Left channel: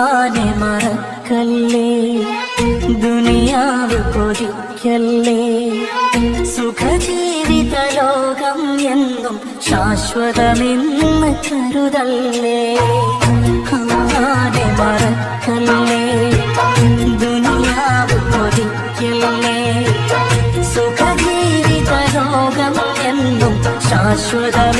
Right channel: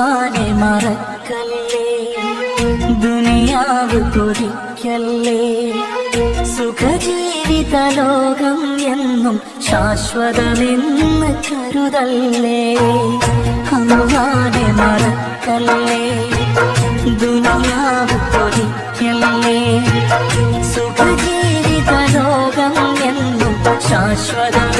അള്ളാനെ മറക്കല്ലേ? ദുനിയാവ് കൊതിക്കല്ലേ? സുഖജീവിത ലോകം എന്നും ശാശ്വതമെന്ന് കരുതല്ലേ? അള്ളാനെ മറക്കല്ലേ? ദുനിയാവ് കൊതിക്കല്ലേ? സുഖജീവിത ലോകം എന്നും ശാശ്വതമെന്ന്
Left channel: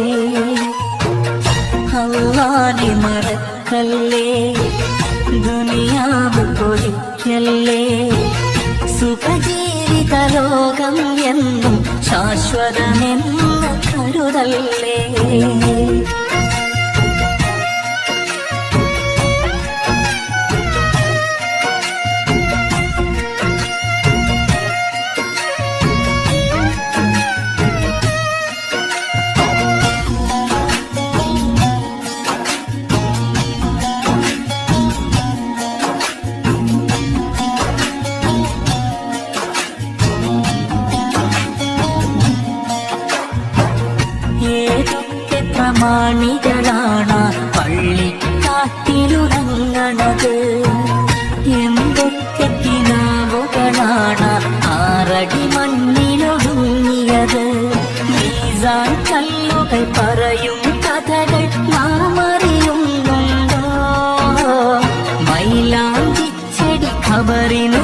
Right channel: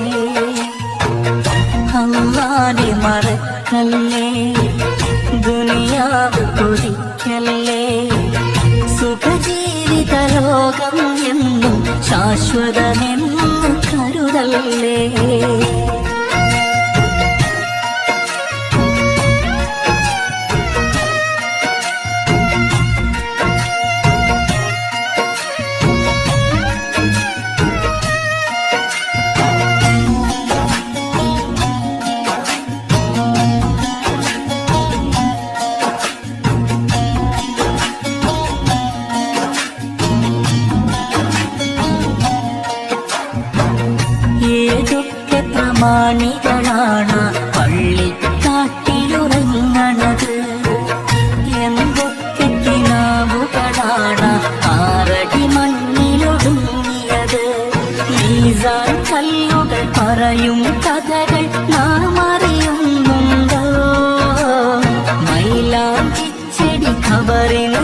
അള്ളാനെ മറക്കല്ലേ? ദുനിയാവ് പൊരിക്കല്ലേ സുഖജീവിത ലോകം എന്നും ശാശ്വതമെന്ന് കരുതല്ലേ? ഏതൊക്കെ പള്ളി പള്ളിക്കാട്ടിലുറങ്ങണത് എന്തൊക്കെ കിടാവുകളാണ് ആറടി മണ്ണിലൊടുങ്ങിയത് കല്ലുകൾ പറയും കഥകൾ നാം അറിയുന്നുണ്ടോ? മൈലാഞ്ചിച്ചെടി ഖബറിനു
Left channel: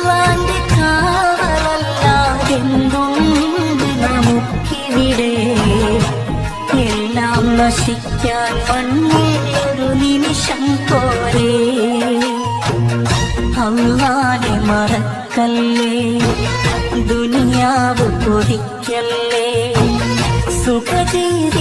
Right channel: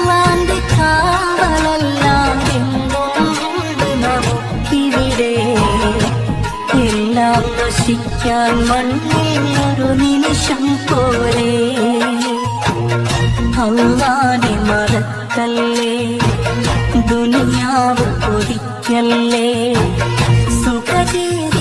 ശ്വസിക്കാൻ മണ്ണിൽ ഒരു നിമിഷം പോലെ അള്ളാനെ മറക്കല്ലേ? ദുനിയാവ് പൊടിക്കല്ലേ സുഖജീവി